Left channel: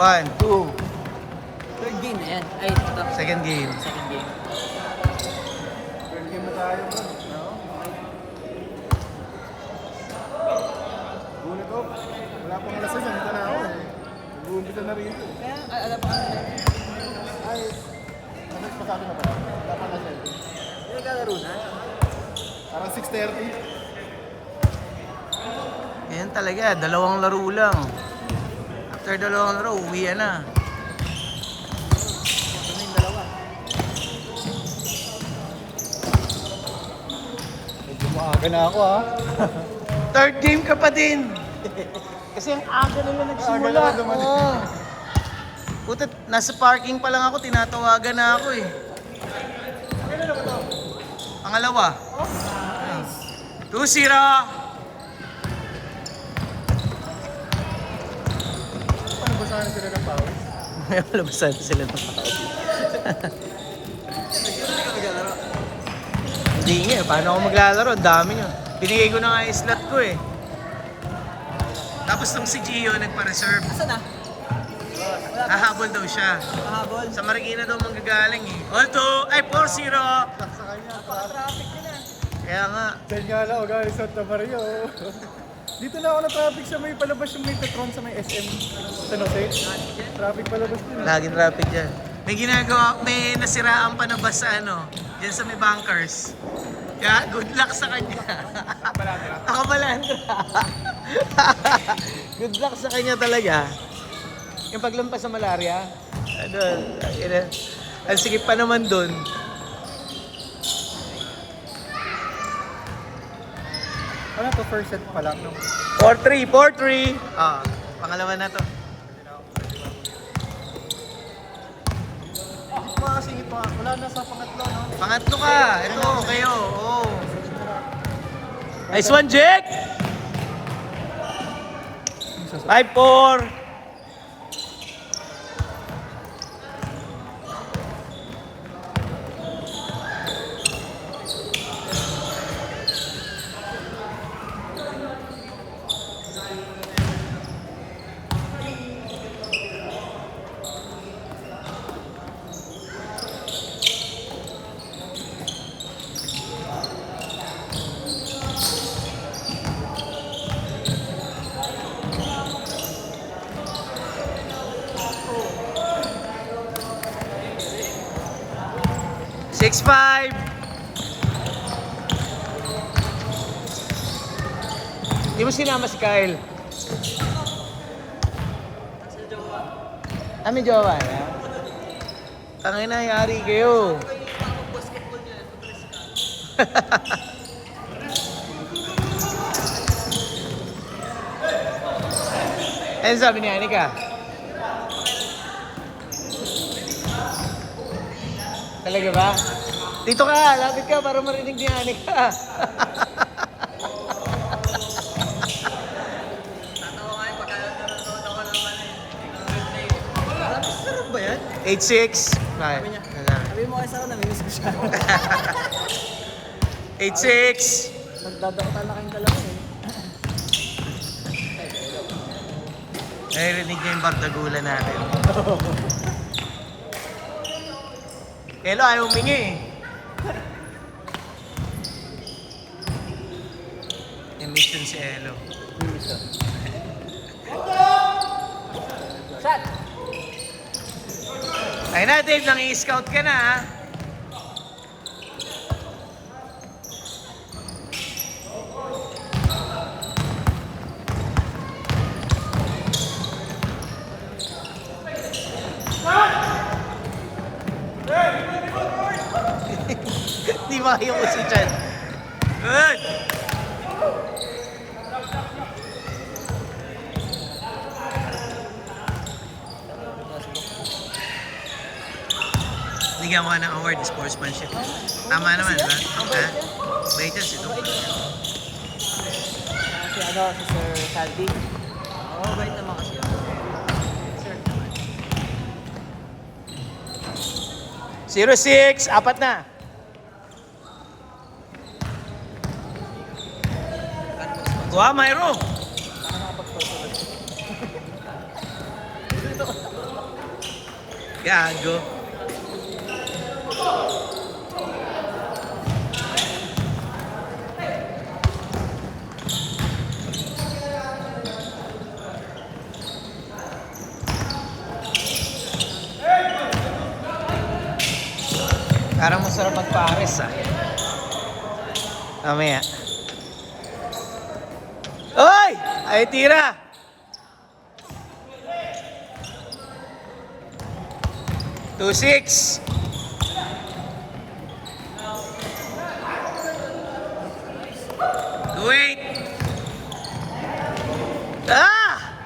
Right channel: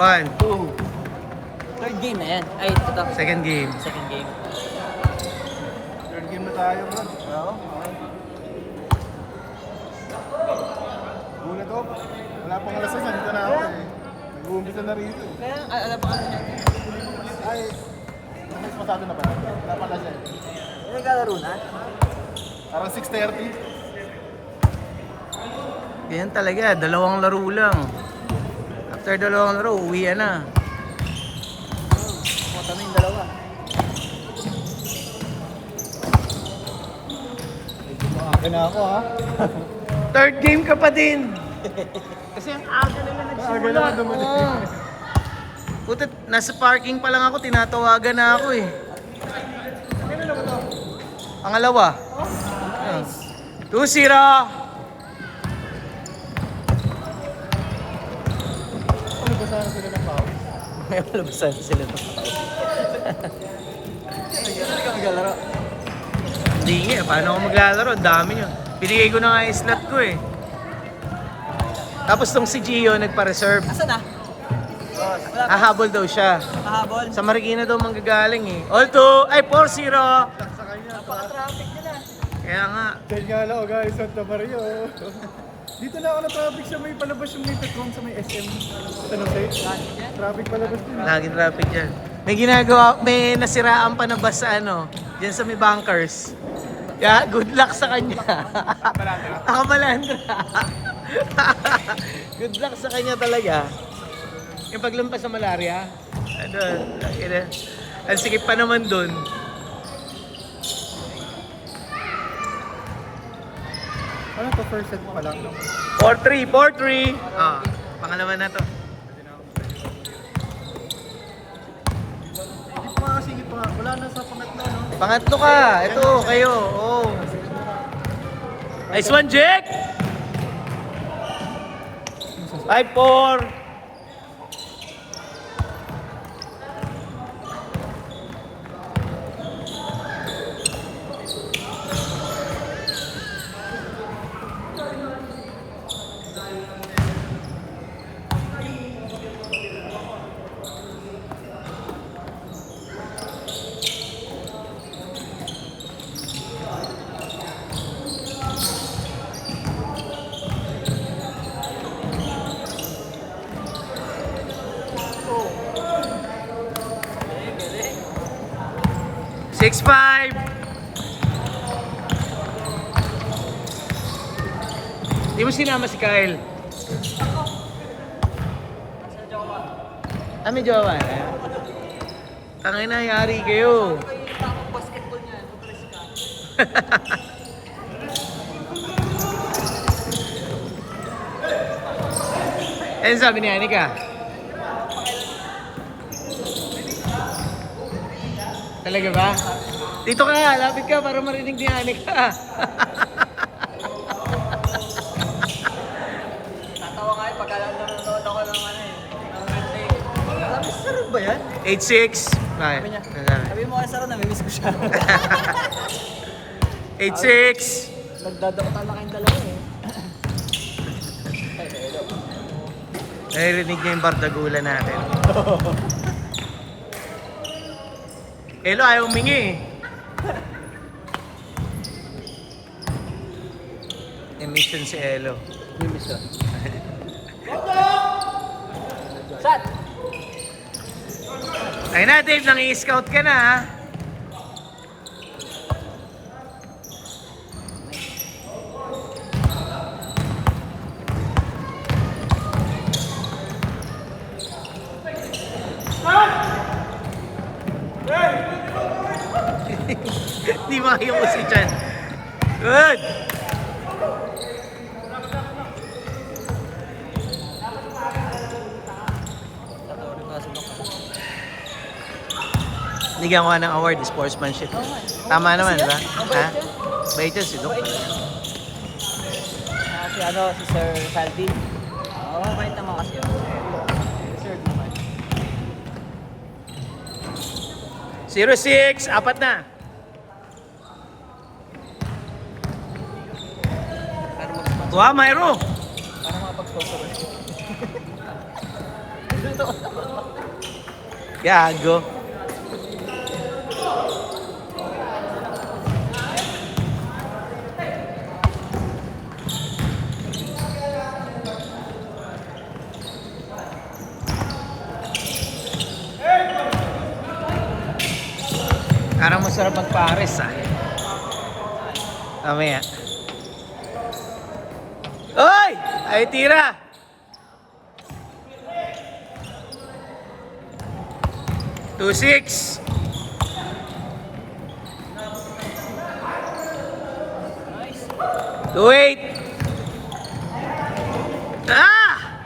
1, 2. Third game na yan. Ay, ito. Second game. Second game. Third game na tayo. Oo. Ulit ko. Wala pang lesson. Dito na ako. Ulit na rin ito. Kaya, alam pa ka na. Ay, mas masyado na ba? Ano naglalaro na? Parang 6:30. Yan talaga, dalawang laro lang. After dalawang laro, uwi na. Punta mo yung dalawa. Medyo maaga na ako ha. Third game ka pa din. Kasi ang aga nila nagsimula. Aga na naman. Oo. Puta, nasa parking pa lang ako, tinatawagan na ako eh. Pangalawa. 2-0. May labasan sila. Hindi ka maglalaro. Hindi nga, paano ako maglalaro? Ang dami nyo. Binigay ko na nga yung slot ko eh. Tapos tong si Gio nagpa-reserve. Asa na? Hahabol daw siya. Mahabol. Sa Marikina daw manggagaling eh. All 2, ay 4-0. Kaya nga. Dahil nga lang, guys, Santa Maria. Dito na ako na traffic sa may palabas yung may Petron sa may SM. Ano traffic palabas din. Laging traffic yan. May ginagawa, may nasiraan pa na bus sa ano, dyan sa may bunkers. Kaya good luck sa kanya. Ako malandra. Good luck sa kanya talaga. Yung paglampas sa malaria, doon, ang sikip pa naman doon. Ano to, first set pa lang? 4-3, 4-3. Ah, pangalawa na to. Wala na sa pangatlo, no? Pangatlo ka. Ito, kayo. Oh. Nice one, Jack! 5-4. Six, 5. Di mo sinama si Kyle? May jowa niya? Tangay na, yari kayo. Ano sabi ni Anika? Talaga ba? Dito ka, lapit ka para marinig ni Anika. Natawa kayo pagkalan na nanonood ako naman eh. Sarap ba yan? 8-6. Bakit? Sabi mo kasi ako, namimiss ko siya. 8-6. Nagdadakta na kayong dalawa eh. Naririnig niya yung bardagulan natin. Elo, ayaw humingi eh. Emission si Elo. Shot! Ay na, Dave, nang-i-scout ka na ha. Di makayo ko si Chan. Good! Bigyan ko nga ng award, sportsmanship. Tama naman, di ba? Ha? Bait yun si Doc. Kasi ano, si Sir Sandy. Oo, kahit naman kasi. 0-6, apat na. Wow, Mayro! Gago. Parang masarap magpares ah. Mamaya. Oy! Ay tira! Two six. Two eight. Ah!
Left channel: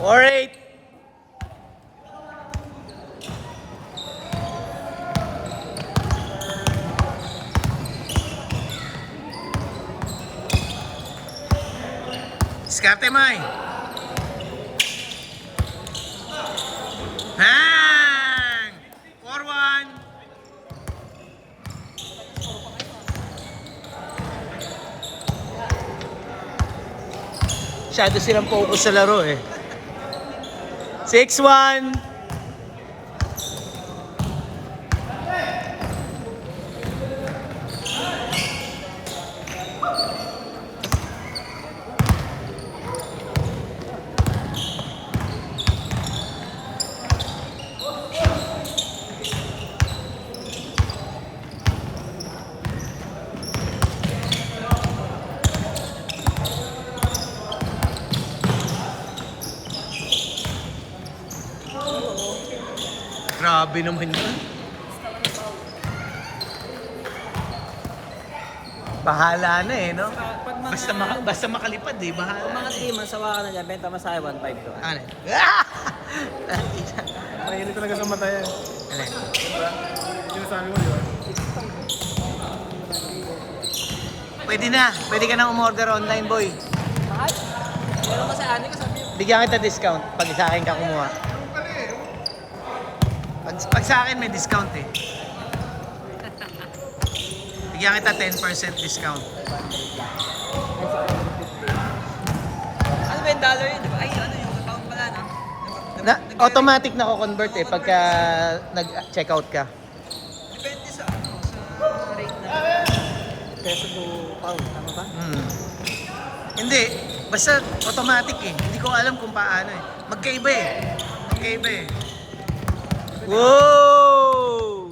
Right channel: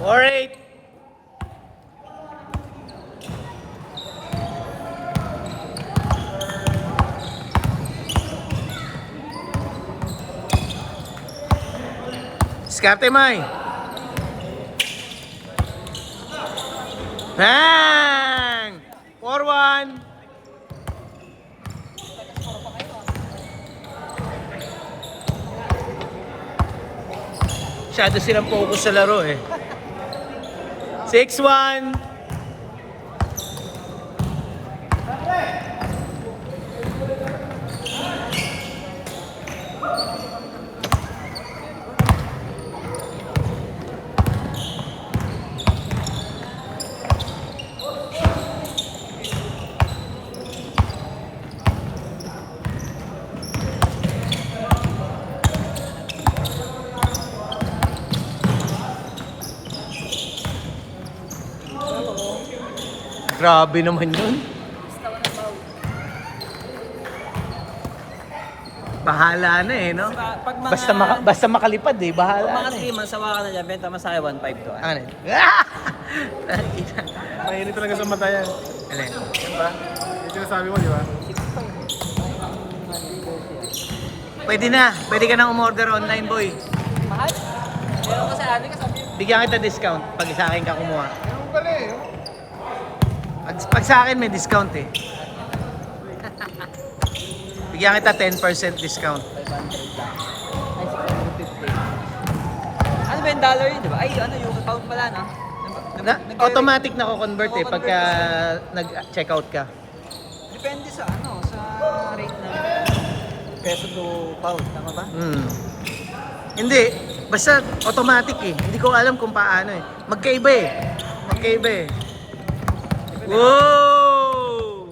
4-8. Diskarte, May. Bang! 4-1. Masyado silang focus sa laro eh. 6-1. Grabe naman yun. Bahala na eh, no? Basta makalipad eh, bahala Mga na. 3 months, sawa ka na dyan, benta mo sa 1.5. Ano yun? Ah! Mainit talaga sa mata yan. Ano yun? Yung sinasabi mo, di ba? Pwede na. Pwede ka nang umorder online, boy. Bigyan kita discount pag sa akin ka kumuha. Pag sa akin may discount eh. Bigyan kita 10% discount. Ano ba yung dollar yun, di ba? Ay, ano yung account pala, no? Automatic na ko-convert eh pagka nag-checkout ka. Depende sa ano, sa rate nila. Peso to pound, ano ba? Hindi. Basta automatic eh. Hindi ko alam kung paano eh. Magkaiba eh. Magkaiba eh. Whoa!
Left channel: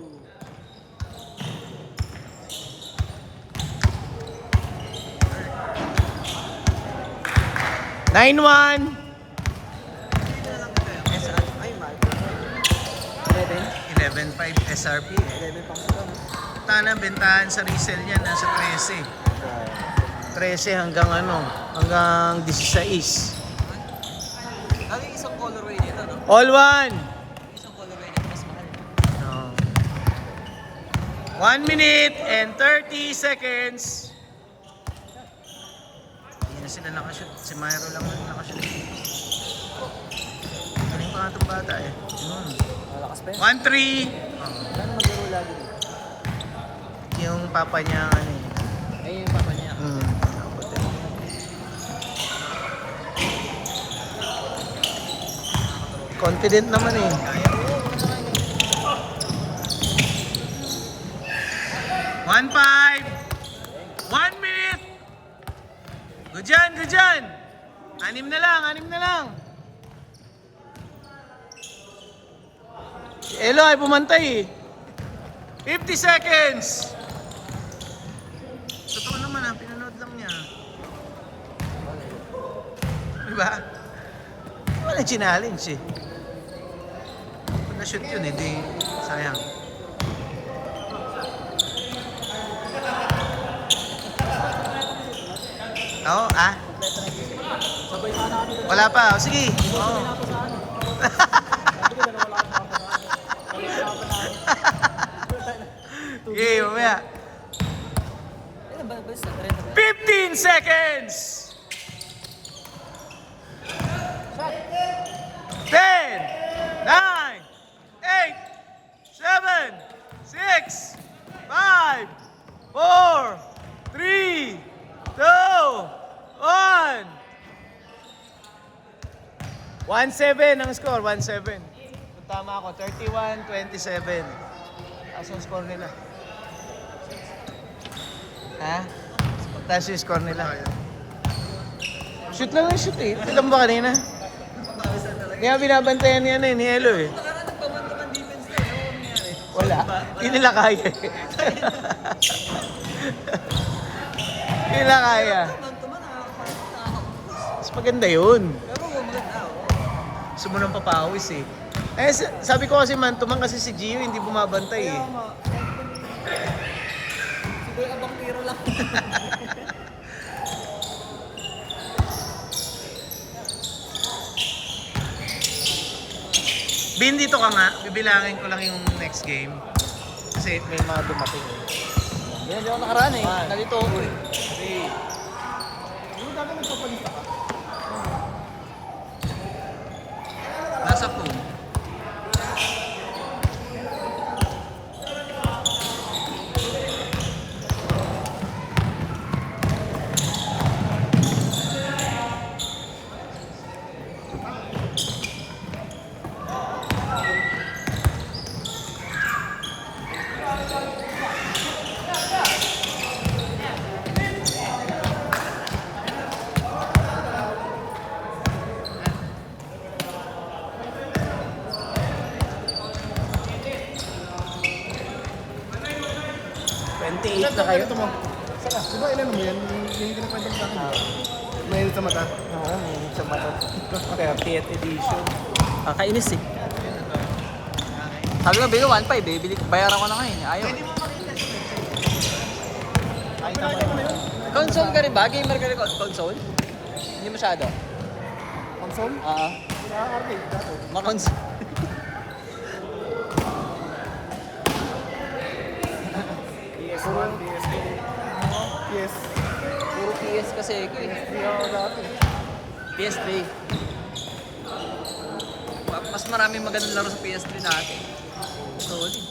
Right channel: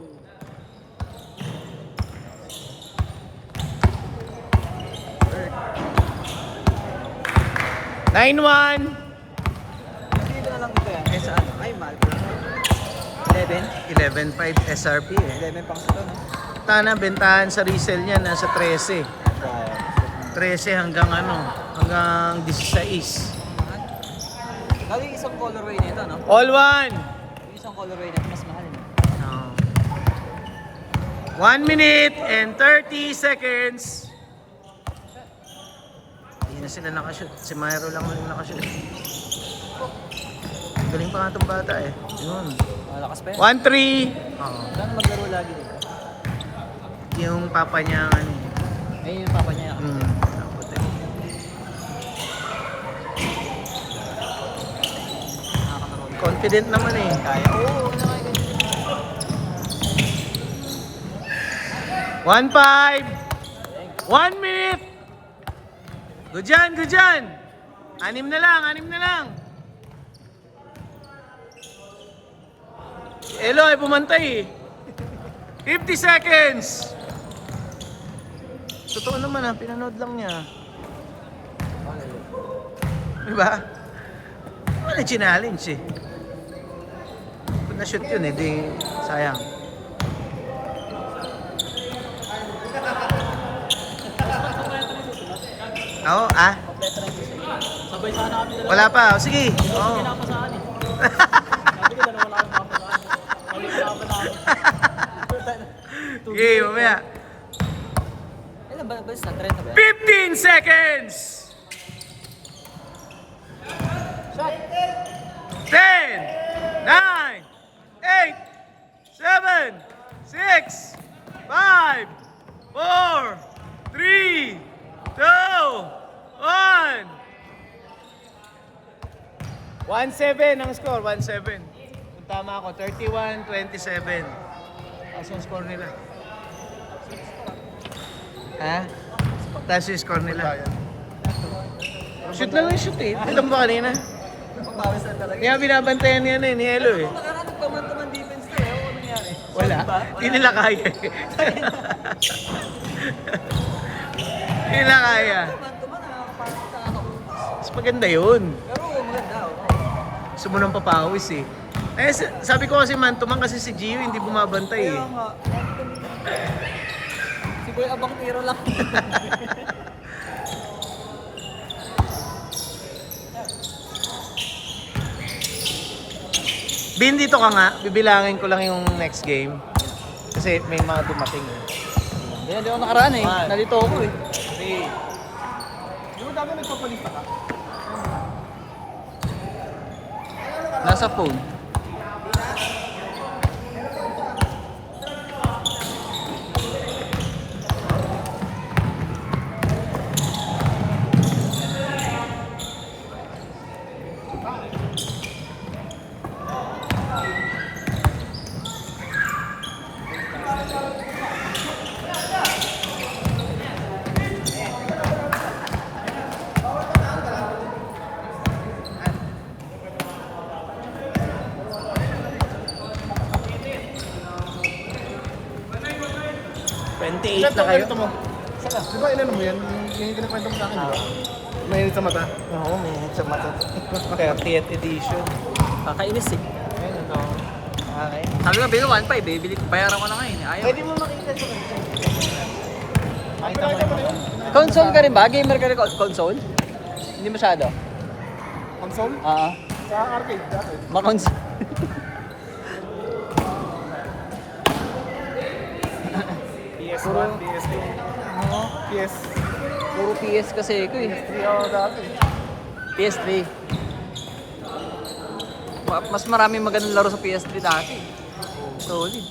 Nine-one. Dito na lang ito. Ay, man. 11.5 SRP eh. 11 pang sa Tana, bentahan sa resale niya nasa 13. 13 hanggang ano, hanggang 16. Lalo yung isang colorway nito, no? All one. Yung isang colorway nito, mas mahal. Oh. 1 minute and 30 seconds. Hindi na sila nakashoot. Si Myro lang ang nakashoot. Galing pa nga itong bata eh. Yun. Malakas pa yun. 1-3. Oo. Ano maglaro lagi doon? Yung papa niya ano eh. Ayun yung papa niya. Nakakataro. Confident naman eh. Kaya. 1-5. 1 minute. Good dyan, good dyan. 6 na lang. Eloy, pumantay eh. 50 seconds. Totoo naman ah, pinanood lang niya. Diba? Wala challenge eh. Kung na-shoot yun eh, di sayang. Oo, ah? Wala pa, oh, sige. Oo. Sige, mamaya. Ayun ba? Basta, 30 ba? 15 seconds! 10, 9, 8, 7, 6, 5, 4, 3, 2, 1. 1-7 ang score, 1-7. Kung tama ako, 31-27. Taas ang score nila. Ha? Taas yung score nila. Shoot lang yung shoot eh. Ito ba kanina? Kaya binabantayan niya ni Elo eh. Wala. Hindi nila kaya eh. Hindi nila kaya. Mas maganda yun. Gusto mo nang papawis eh. Eh, sabi ko kasi man, tumang kasi si Gio hindi bumabantay eh. Si Kuya Abang tiro lang. Bin, dito ka nga. Bibilangin ko lang yung next game. Kasi may mga dumating. Yan, di ba nakaraan eh. Nalito ako eh. Ano dapat magpapalita ka? Nasa phone. Ilan taong ganito mo? Di ba ilan mo yan? Yung pinapagod sa akin, di ba? May sa mata? Oo, may sa mata. 30th edition. Nakainis eh. Okay. Sabi ko, bigyan 1.5 eh. Bayaran ko na ngayon. Ayaw. Pwede mo makita sa Console ka rin ba? Gamer ka rin console? Hindi masyado. Console? Sa arcade. Ma-console. PS1, PS2, PS. Puro PS kasi ko eh. PS3. Mas maraming magandang laro sa PS3 dati. Solid.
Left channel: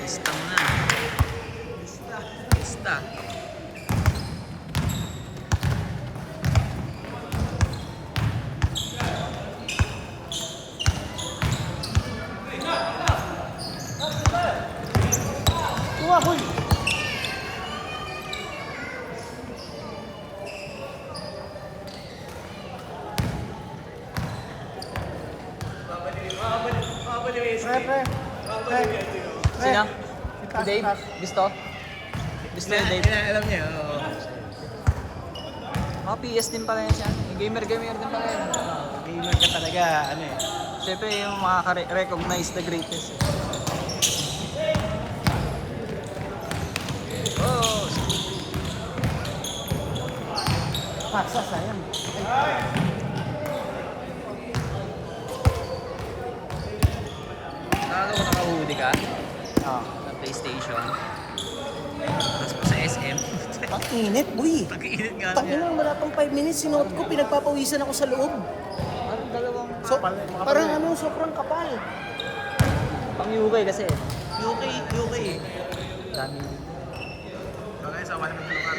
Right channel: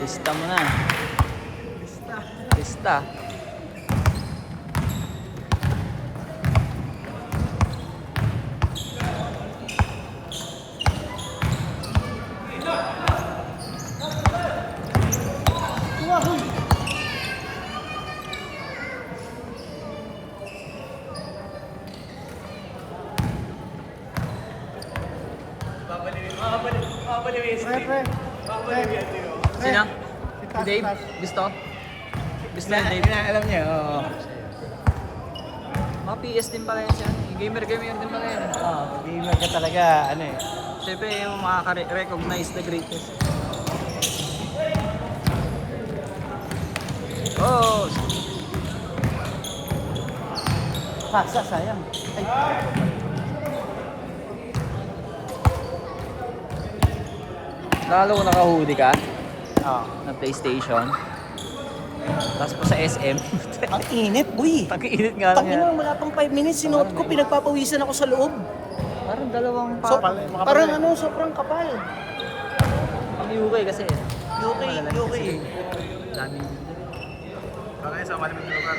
Lista mo na. Lista. Sino? Si Dave? Gusto? Gusto ni Dave? Alam niya, oo. Oh, PS din pala yun siya. Gamer din pala yun. Gamer ka talaga, ano eh. Siyempre yung makaka-recognize the greatness. Oh! Paksa, sayang. Lalo ko nakahuli ka? Oo. Ng PlayStation. Tapos pa sa SM. Ang init, boy. Pag-init nga lang Tangina, yan. wala pang 5 minutes, sinuot ko, pinagpapawisan ako sa loob. Anong dalawang So, parang ano, sobrang kapal. Piniugay kasi. Daming. Bakit sa malamig na lugar?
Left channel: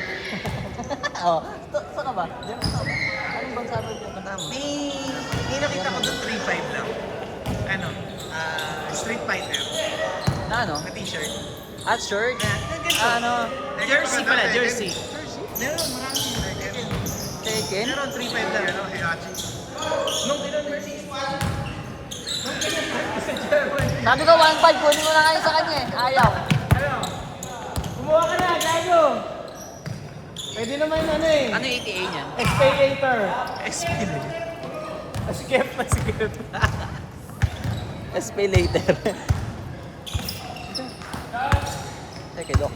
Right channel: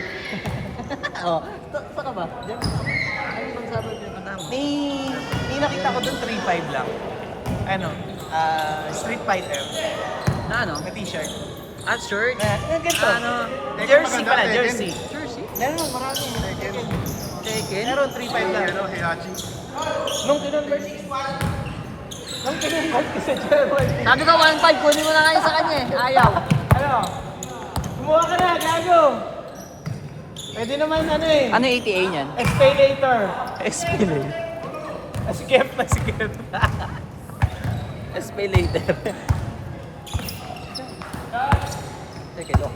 Oo. Saan ka ba? Diyan ka ba? Anong bang sabi niya? Tanda mo? May nakita ko doon 3.5 lang. Ano? Street Fighter. Na ano? Na t-shirt. At shirt? Ganito. Ano? Tekken Jersey maganda, pala, Tekken. jersey. Jersey? Meron, marami. Tekken. Taken? Meron 3-5 lang. Ano, Heihachi. Sabi ko 1.5, kunin mo na kayo sa kanya eh. Ayaw. Ano? Kumuha ka na, gago. Pwede naman ano eh. Ano yung ETA niyan? Pay later. Explain. Skip na skip. Pay later. Okay, look.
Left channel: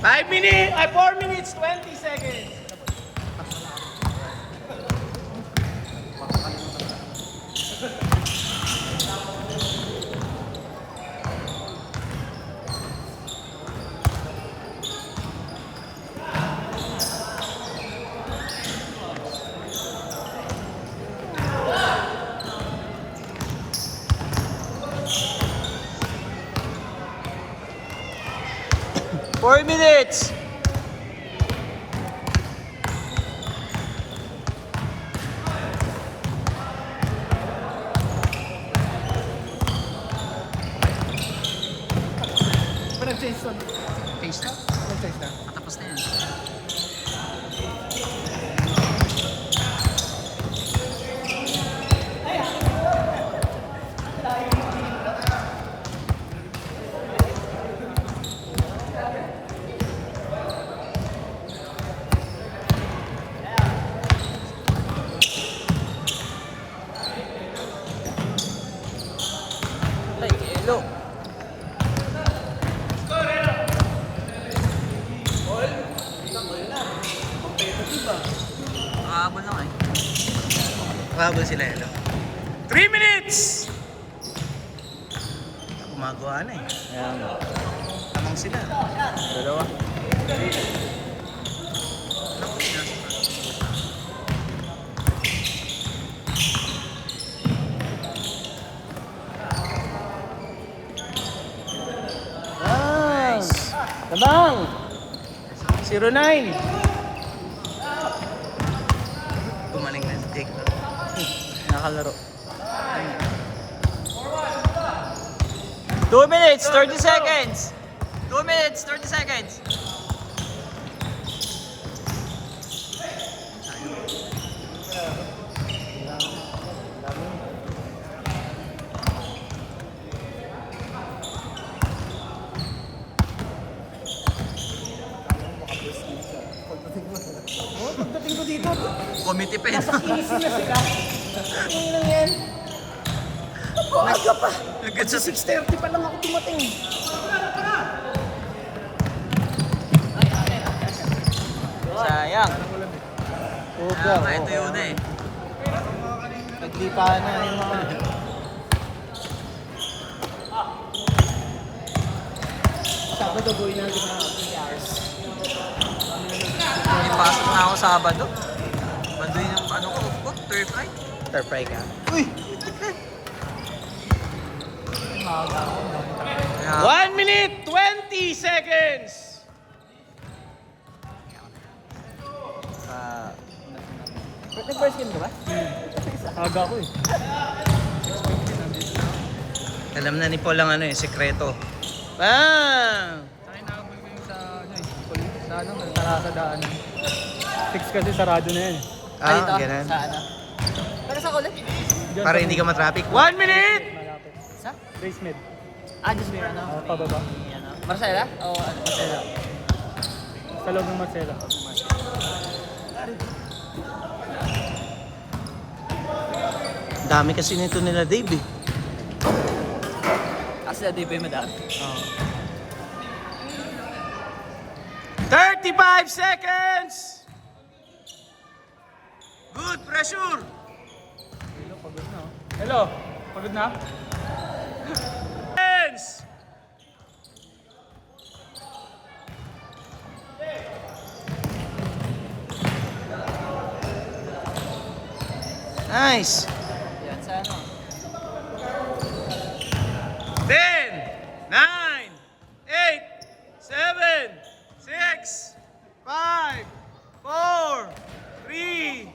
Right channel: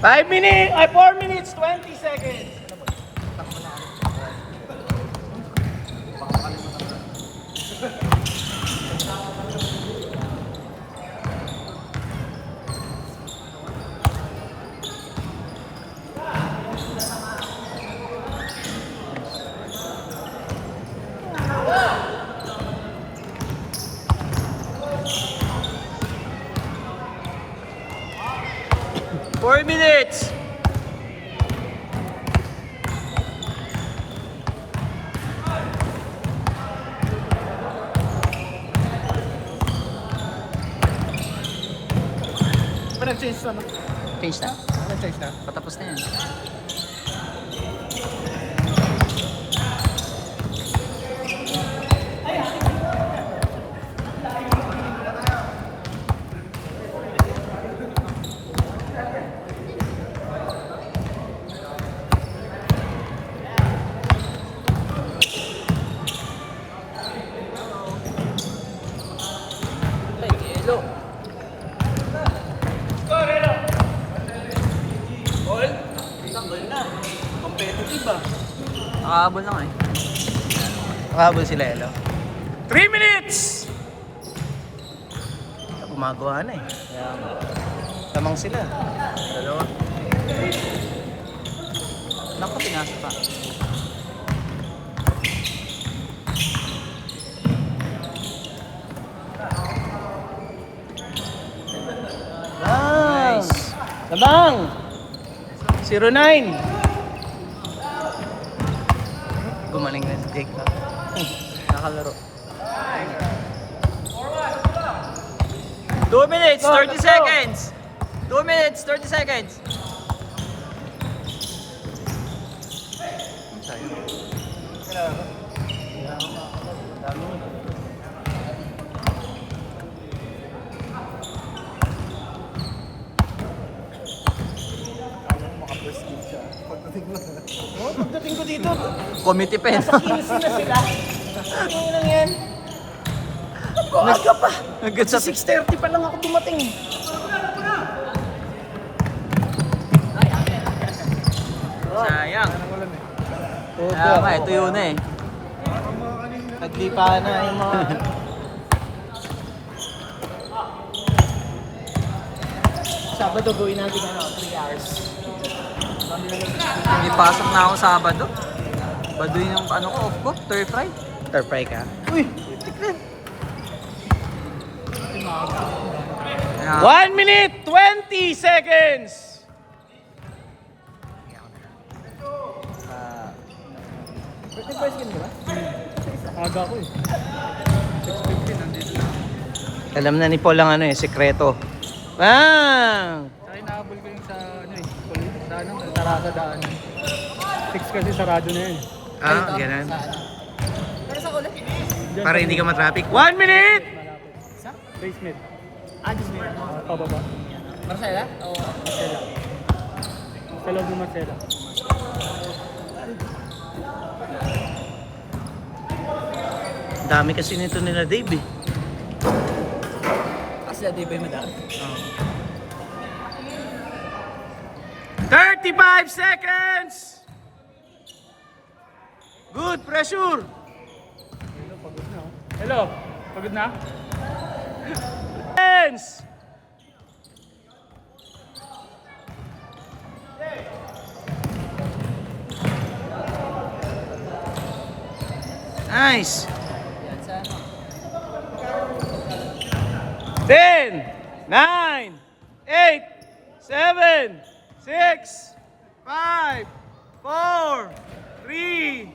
5 minutes, 4 minutes, 20 seconds. Four minutes! Nag-change na. Change na? Nag-change na. Patapos na yan. Nakahabol lang eh. Nakahabol sila, Elo. 3 minutes! Gumagawa na eh. Tamang sila. Dalawa. Naku, pinasok ka. Nice! Tamang! 0-9. Gumaling na yung cake na. Nakakalaro. 2 minutes, 30 seconds! 2 minutes, 30 seconds! Committee pen. Maaga pa. Nagkat sa 6:30 pa lang ako dumating. sayang. Tama, ito yun eh. Naglipa na yung mga... Sabado gawin natin ang 3 hours. Ipasok na ako Sabado. Baduy ng ano ko, off ko, stir fry. Stir fry ka. Uy, putik na. Kaya, 1 minute, 20 seconds! First game ba? Aga ko eh. alam na ni Paul ang ano eh, sekreto. Wow! Saka inahabol ko yung sa ano eh. Sa ano, sa daan. 6 kasi sarado na yan. Ah, ganun. Sa ano? Pero sa ulit? Para hindi ka matraffic. 1 minute! Sa? Race mid. Just may ano? Pababa. Marcela? Oo. Sa lang Marcelo. Dami kasi nito nila Dave eh. Asla di ba yung madami? 35 seconds! Good, pressure! Hello, pagod na? Hands! Nice! Yan, sa ano? 10, 9, 8, 7, 6, 5, 4, 3,